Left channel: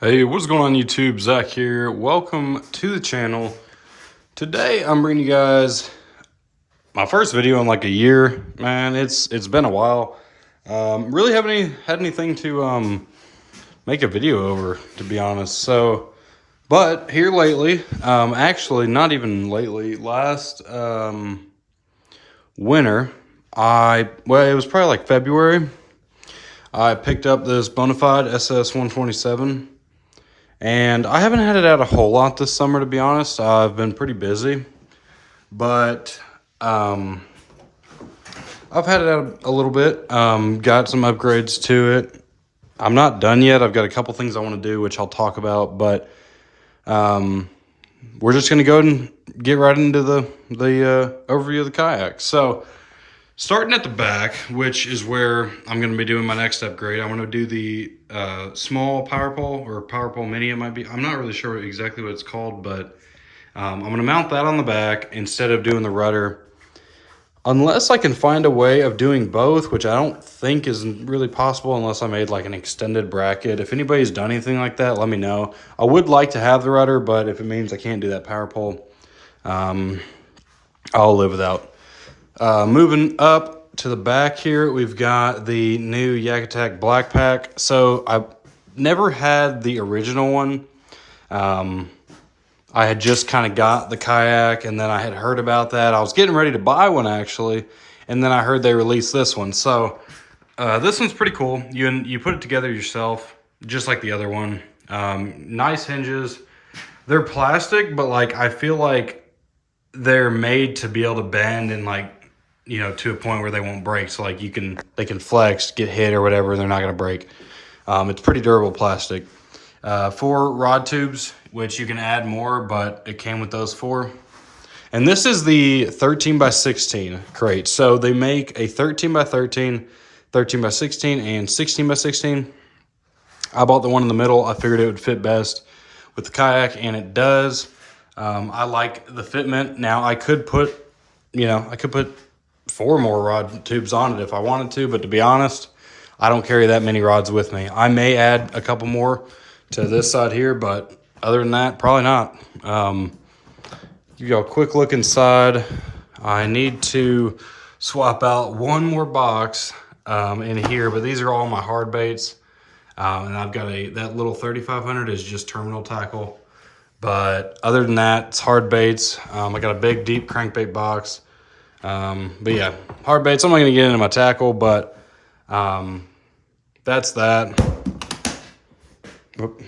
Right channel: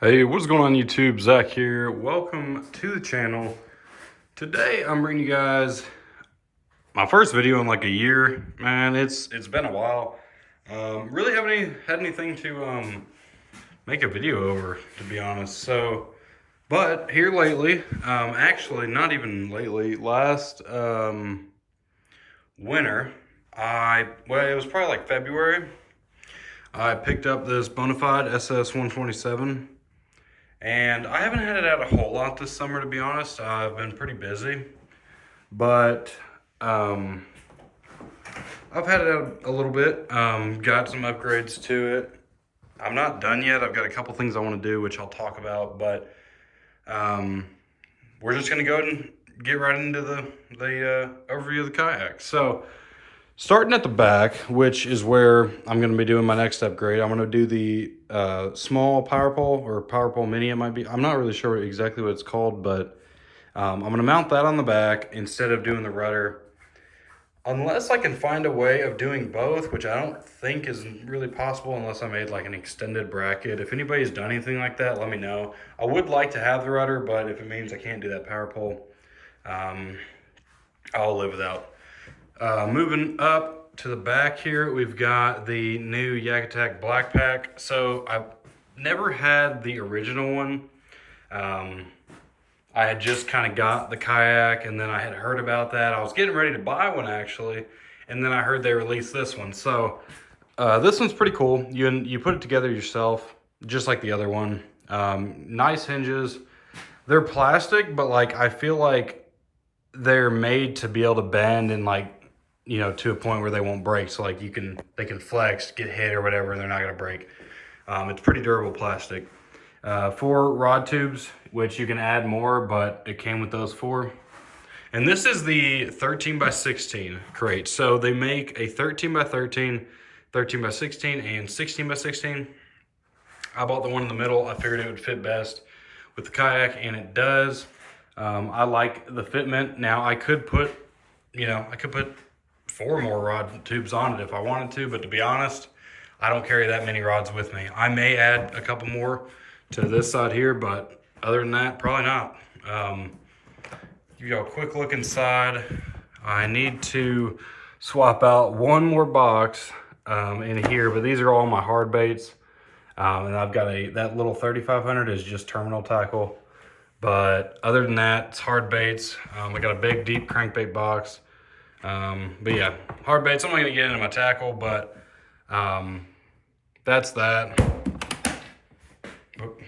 Hey, what's going on YouTube? Zach here. Welcome to the channel. Today I'm bringing you guys my first video in like a year. Man, it's been a while. Really haven't had anything to make a video over, to be honest. So, but here lately, actually not even lately, last winter, it was probably like February. I picked up this Bonafide SS127. And I haven't had it out a whole lot this summer, to be honest. I've been pretty busy, but I've had it out a little bit. Got some upgrades to it. I'm not done yet. I've got a couple things I want to do, which I'll talk about, but we're just going to go and get right into the overview of the kayak. So starting at the back, which is where I'm going to be doing my next upgrade, I'm going to do the small power pole, or power pole mini it might be. I'm not really sure exactly what it's called, but I'm going to mount that on the back instead of doing the rudder. Unless I can find a way of doing both, which I don't think is really possible unless I made like an extended bracket. If anybody's done anything like that, let me know. I would like to have the rudder, but if it means I can't do that power pole, I'll live without. Moving up to the back here, we've got the new Yak Attack Black Pack. So I've never had the original one. I had just kind of got the kayak, and then I had heard about that. I was getting ready to buy one actually, and then I heard they released this one. So this one's pretty cool. You put it together yourself, just like the other one. Nice hinges. They're plastic, but like I feel like they're made to be able to bend and like, you know, to a point where they won't break. So like they can flex, get hit or whatever, and they're not gonna break. It's pretty durable plastic. 4 rod tubes, which you can add more, but it came with those 4. And this is the 13 by 16 crate. So they make a 13 by 13, 13 by 16, and 16 by 16. I bought the one in the middle. I figured it would fit best with the kayak, and it does. I like the fitment. Now I could put 4 more rod tubes on it if I wanted to, but to be honest, I don't carry that many rods with me. I may add a couple more to this side here, but other than that, probably not. You go quick look inside. I need to swap out one more box in here, but these are all my hard baits. And I've got that little 3500 is just terminal tackle. But other than that, it's hard baits. I got a big, deep crankbait box. But yeah, hard baits. I'm not gonna get into my tackle, but that's that. Oop.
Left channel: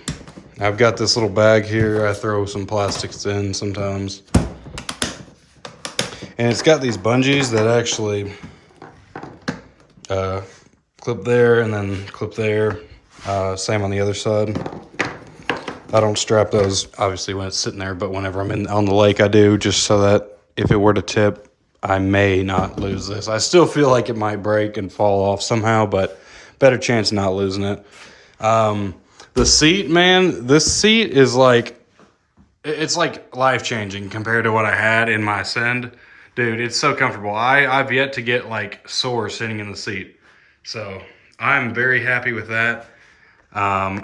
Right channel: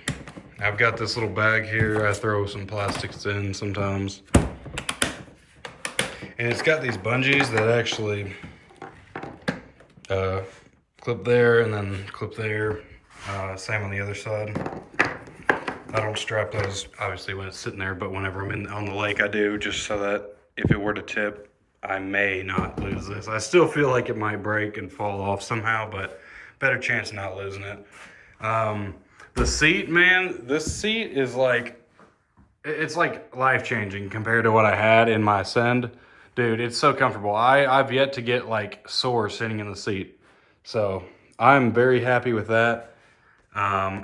I've got this little bag here. I throw some plastics in sometimes. And it's got these bungees that actually clip there and then clip there. Same on the other side. I don't strap those obviously when it's sitting there, but whenever I'm on the lake I do, just so that if it were to tip, I may not lose this. I still feel like it might break and fall off somehow, but better chance of not losing it. The seat, man, this seat is like, it's like life-changing compared to what I had in my Ascend. Dude, it's so comfortable. I've yet to get like sore sitting in the seat. So I'm very happy with that.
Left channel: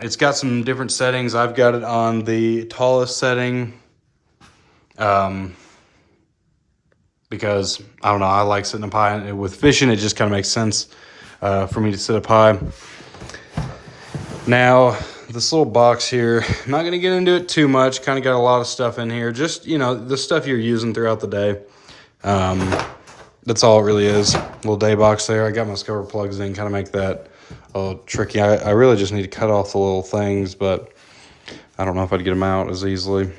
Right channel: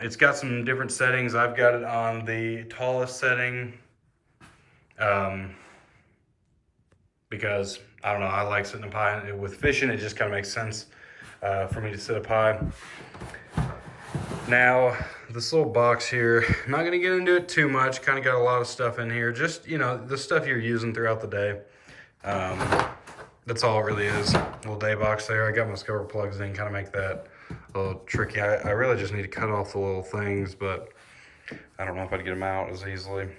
It's got some different settings. I've got it on the tallest setting. Because I don't know, I like sitting up high. And with fishing, it just kind of makes sense for me to sit up high. Now, this little box here, I'm not gonna get into it too much. Kind of got a lot of stuff in here. Just, you know, the stuff you're using throughout the day. That's all it really is. Little day box there. I got my scupper plugs in, kind of make that a little tricky. I really just need to cut off the little things, but I don't know if I'd get them out as easily.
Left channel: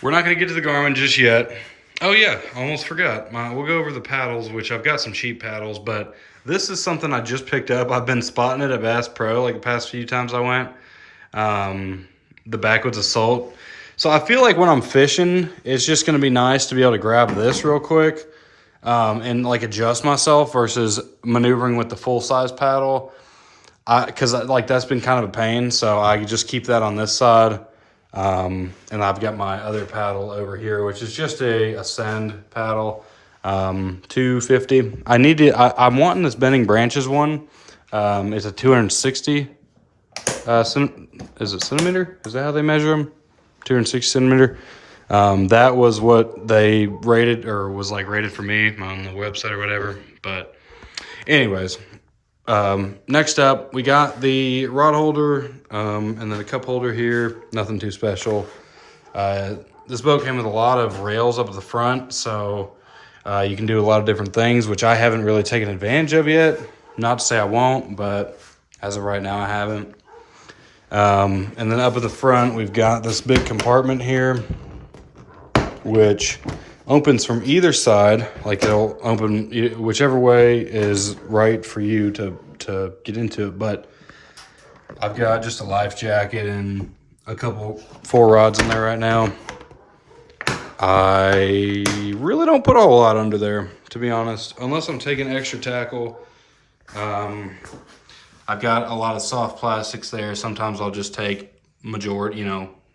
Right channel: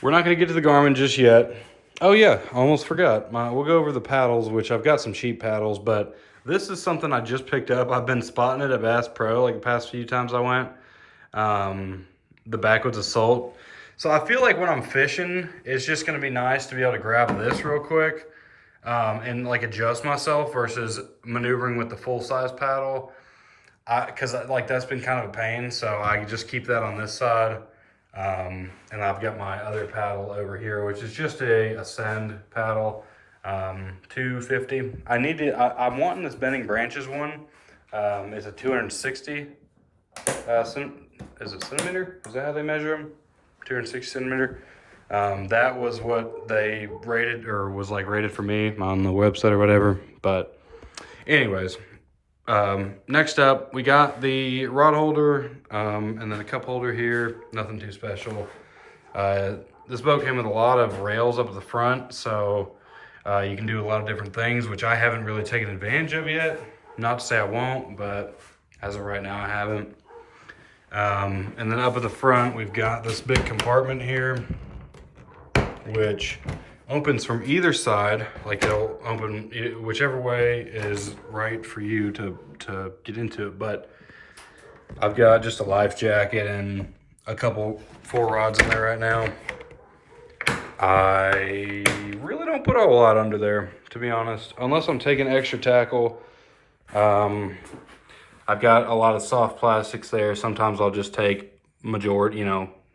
We're not going to get to the Garmin just yet. Oh yeah, almost forgot. We'll go over the paddles, which I've got some cheap paddles, but this is something I just picked up. I've been spotting it at Bass Pro like the past few times I went. The Backwoods Assault. So I feel like when I'm fishing, it's just going to be nice to be able to grab this real quick and like adjust myself versus maneuvering with the full-size paddle. Because like that's been kind of a pain, so I just keep that on this side. And I've got my other paddle over here, which is just a Ascend paddle, 250. I'm wanting this Bending Branches one. It's a 260 is it centimeter? Is that how they measure them? 260 centimeter. That was what they rated, or was like rated for me on the website or whatever. But anyways, next up, we got the rod holder, and then a cup holder here. Nothing too special. This boat came with a lot of rails up at the front, so you can do a lot of different things, which I haven't really taken advantage of yet. Not to say I won't, but as of right now, I haven't. And then up at the front, we've got this big compartment here, which opens from either side. Like it'll open whichever way is right for you to get into it. But I've got just a life jacket and a couple 4 rods in there right now. I really don't put a whole lot under there, to be honest, unless I'm taking extra tackle. I've got a lot of soft plastics there. Sometimes I'll just take majority,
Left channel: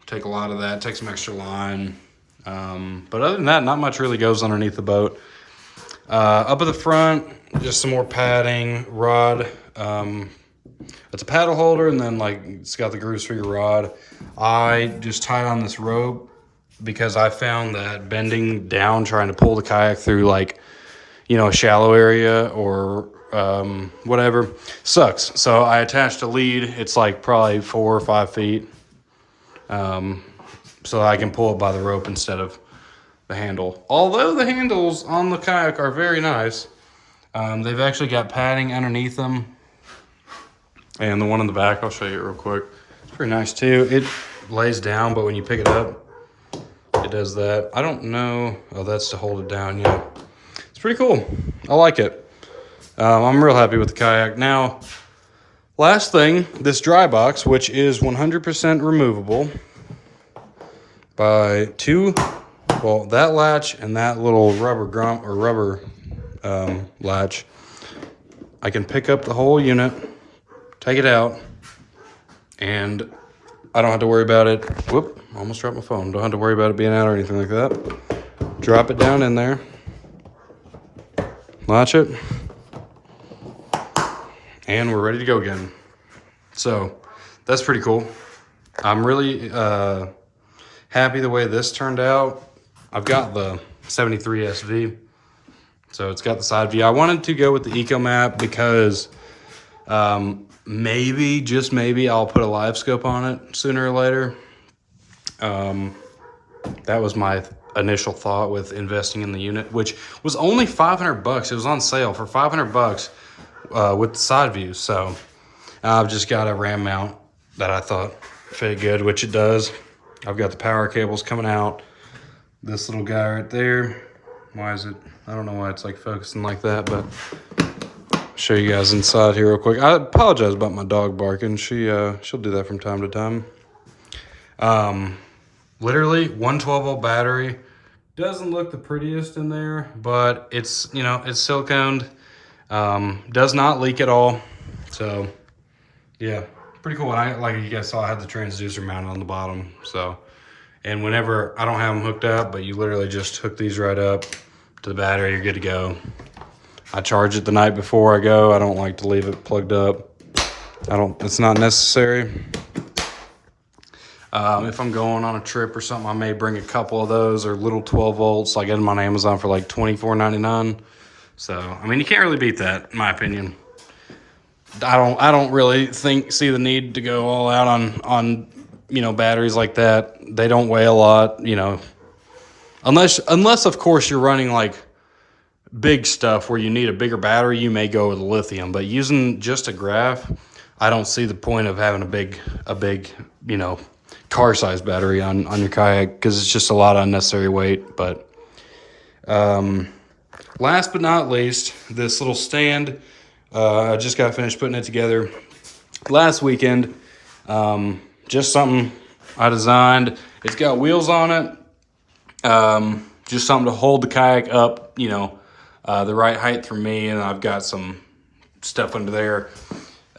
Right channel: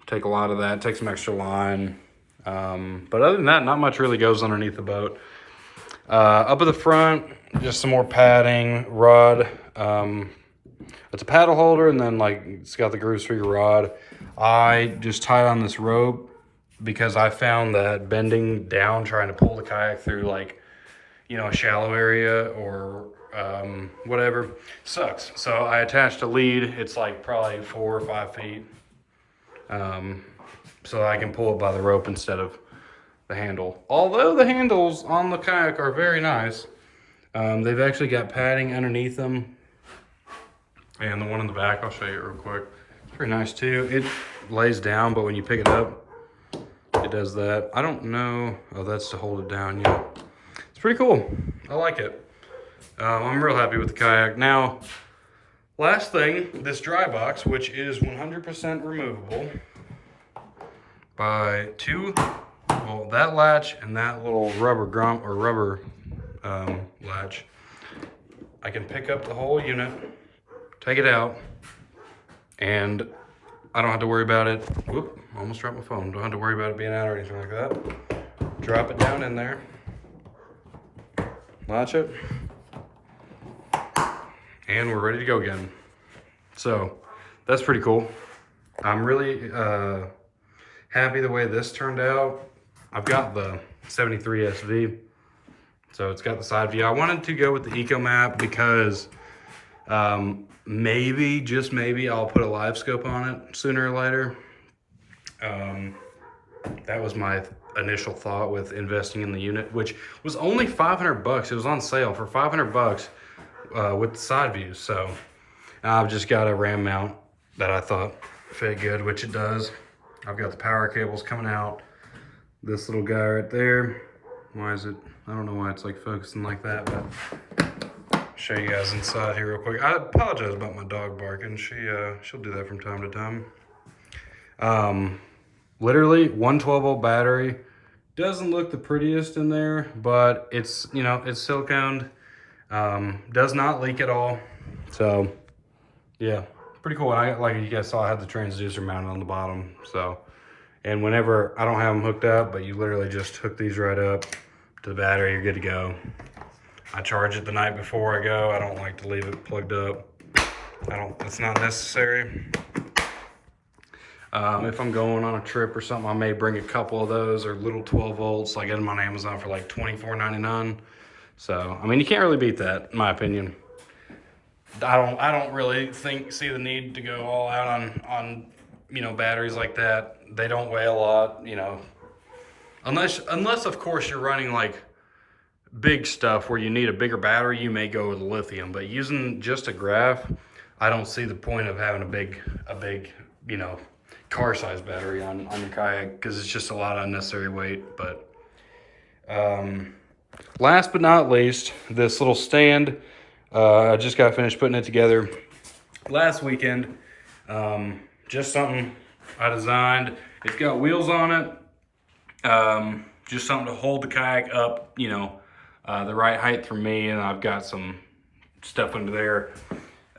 take a lot of that, take some extra line. But other than that, not much really goes underneath the boat. Up at the front, just some more padding, rod. It's a paddle holder, and then like it's got the grooves for your rod. I just tied on this rope because I found that bending down, trying to pull the kayak through like, a shallow area or whatever, sucks. So I attached a lead. It's like probably 4 or 5 feet. So I can pull it by the rope instead of the handle. Although the handles on the kayak are very nice. They've actually got padding underneath them. And the one in the back, I'll show you it real quick. It's pretty nice too. It lays down, but when you pick it up, it does that. I don't know. Oh, that's to hold it down, yeah. It's pretty cool. I like it. I'm real happy with the kayak. Now, last thing, this dry box, which is 100% removable by that latch and that little rubber latch. I can pick up the whole unit, take it out, and I don't have to worry about it. Whoop, almost dropped my phone. Don't have to worry about it being out or anything like that. Drop it down in there, latch it, and we're ready to go again. So that's pretty cool. I'm really happy the way this turned out. I've got the 73 SV, so it's got the side view. I wanted to go with the Eco Map because maybe, just maybe, I'll put a live scope on it sooner or later. That was my initial thought with investing in the unit, which was only 500 bucks. It was on sale for 500 bucks with the side view. So I've just got a RAM mount that I thought fit good, which it does. I've got the power cables coming out. This little guy right there. Why is it? I don't know why it's like focusing like that, but show you guys inside here real quick. I apologize about my dog barking. She'll do that from time to time. Literally 112-volt battery. Doesn't look the prettiest in there, but it's, it's siliconed. Does not leak at all. So yeah, pretty cool. And like you guys saw, I had the transducer mounted on the bottom. So, and whenever, I don't have them hooked up, but you literally just hook these right up to the battery, you're good to go. I charge it the night before I go. I don't like to leave it plugged up. It's not necessary. If I'm going on a trip or something, I may bring a couple of those, or little 12 volts. I get them on Amazon for like $24.99. So, I mean, you can't really beat that, in my opinion. I don't really see the need to go all out on batteries like that. They don't weigh a lot, unless of course you're running like big stuff where you need a bigger battery, you may go with lithium. But using just a graph, I don't see the point of having a big car size battery on your kayak, because it's just a lot of unnecessary weight. But last but not least, this little stand. I just got finished putting it together last weekend. Just something I designed. It's got wheels on it. Just something to hold the kayak up, the right height for me. And I've got some stuff under there,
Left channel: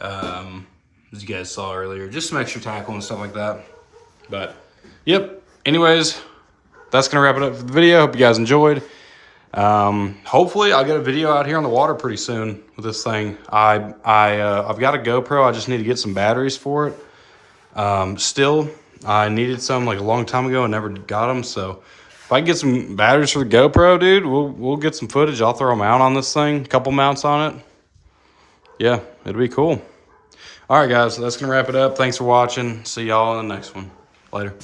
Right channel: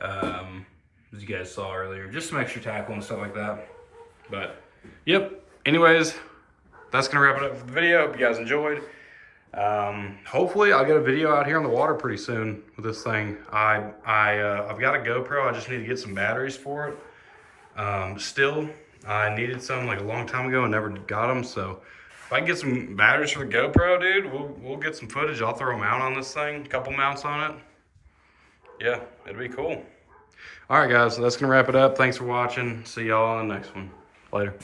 as you guys saw earlier. Just some extra tackle and stuff like that. But, yep. Anyways, that's going to wrap it up for the video. Hope you guys enjoyed. Hopefully I'll get a video out here on the water pretty soon with this thing. I've got a GoPro. I just need to get some batteries for it. Still, I needed some like a long time ago and never got them. So if I can get some batteries for the GoPro, dude, we'll get some footage. I'll throw a mount on this thing, a couple mounts on it. Yeah, it'd be cool. All right, guys, that's going to wrap it up. Thanks for watching. See y'all in the next one. Later.